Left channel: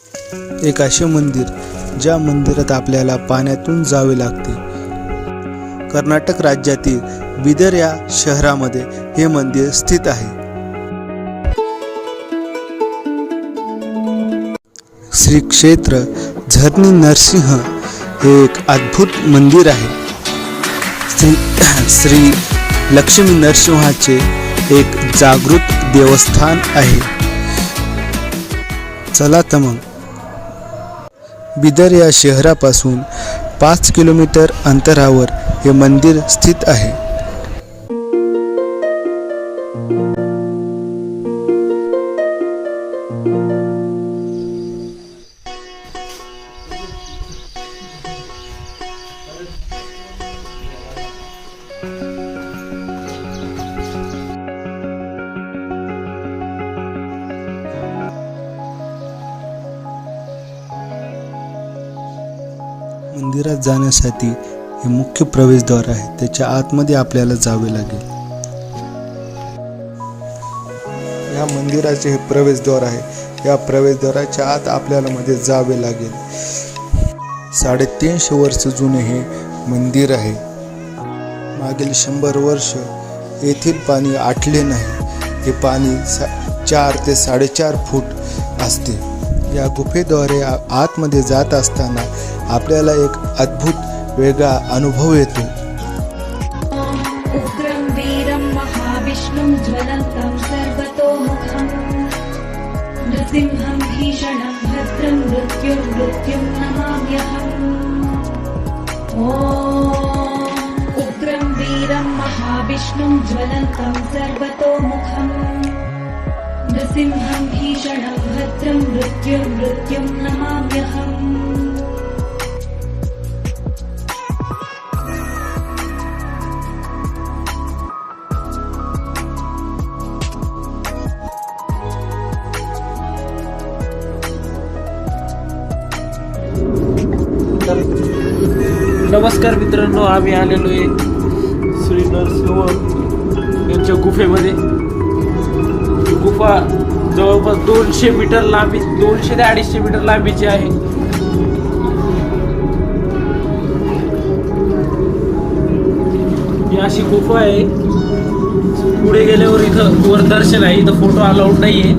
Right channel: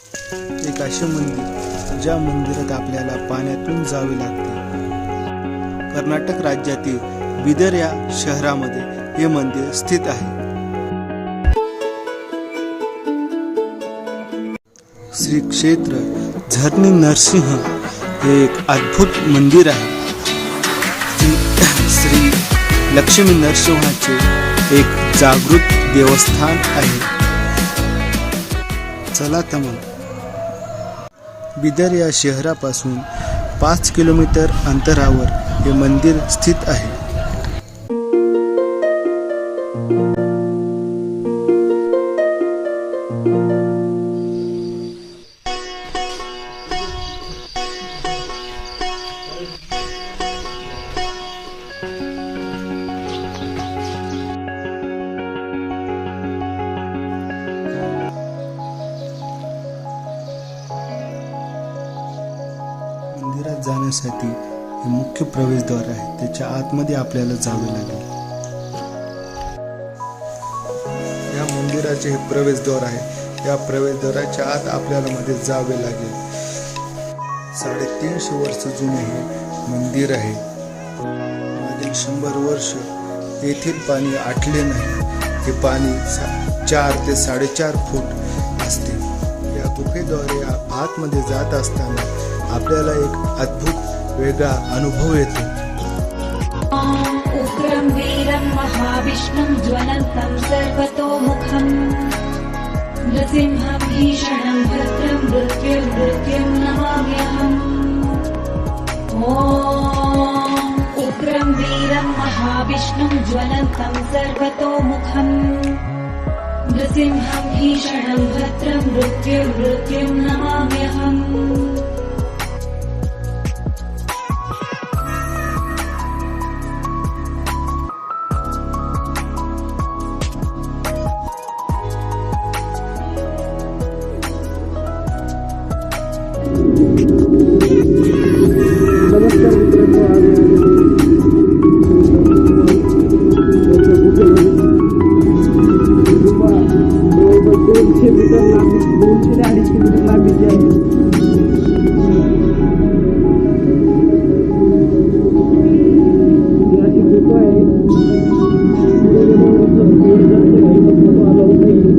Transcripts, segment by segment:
एक असे मंदिर ज्या मंदिरात आपल्याला पाण्यातून जावे लागते। कर्नाटक राज्यातील बिदर या शहरामध्ये हे मंदिर स्थित आहे। श्री क्षेत्र झरणी नरसिंह हे एक अद्भुत मंदिर आहे। श्री लक्ष्मी नरसिंहाचे एक जागृत देवस्थान आहे। चला तर मग बिदर या शहरापासून 5 किलोमीटर अंतरावर हे मंदिर स्थित आहे। मंदिरात जाण्यासाठी हे मुख्य प्रवेशद्वार आहे। त्याच्या आतमध्ये आपल्याला जावे लागेल। या मंदिराचे हे प्रवेशद्वार आहे। या प्रवेशद्वाराच्या आत आपल्याला मध्ये जावे लागेल। 350 वर्ष जुने हे मंदिर आहे। मागील 100 वर्ष येथील पाणी आटले नाही। हे पाणी 4 ते 4.5 फूट असते। या गुफेद्वारे आतमध्ये जात असताना आपल्याला एक अद्भुत वेगळा अनुभव येतो। उग्रं वीरं महाविष्णुं ज्वलन्तं सर्वतोमुखं नृसिंहं भीषणं भद्रं मृत्युं नमाम्यहम्। ॐ उग्रं वीरं महाविष्णुं ज्वलन्तं सर्वतोमुखं नृसिंहं भीषणं भद्रं मृत्युं नमाम्यहम्। नमस्कार मित्रांनो, आम्ही आलेलो आहे श्री नरसिंह यांच्या गुफेमध्ये। गुफा जवळपास 200 मीटर लांबी, 200 ते 250 मीटर लांबीची आहे। ही अशी गुफा आहे। पुढे गेल्यावर इथं वर दर्शन आहे। इथं फोटो अलाउड नाहीये।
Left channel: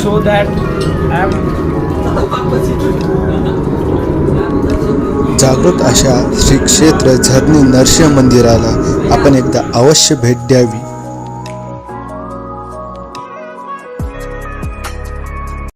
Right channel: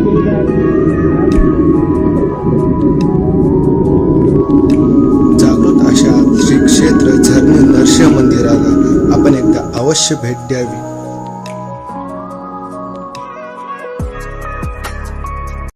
सो दॅट जागृत अशा श्री क्षेत्र झरणी नरसिंह मंदिराला आपण एकदा अवश्य भेट द्यावी।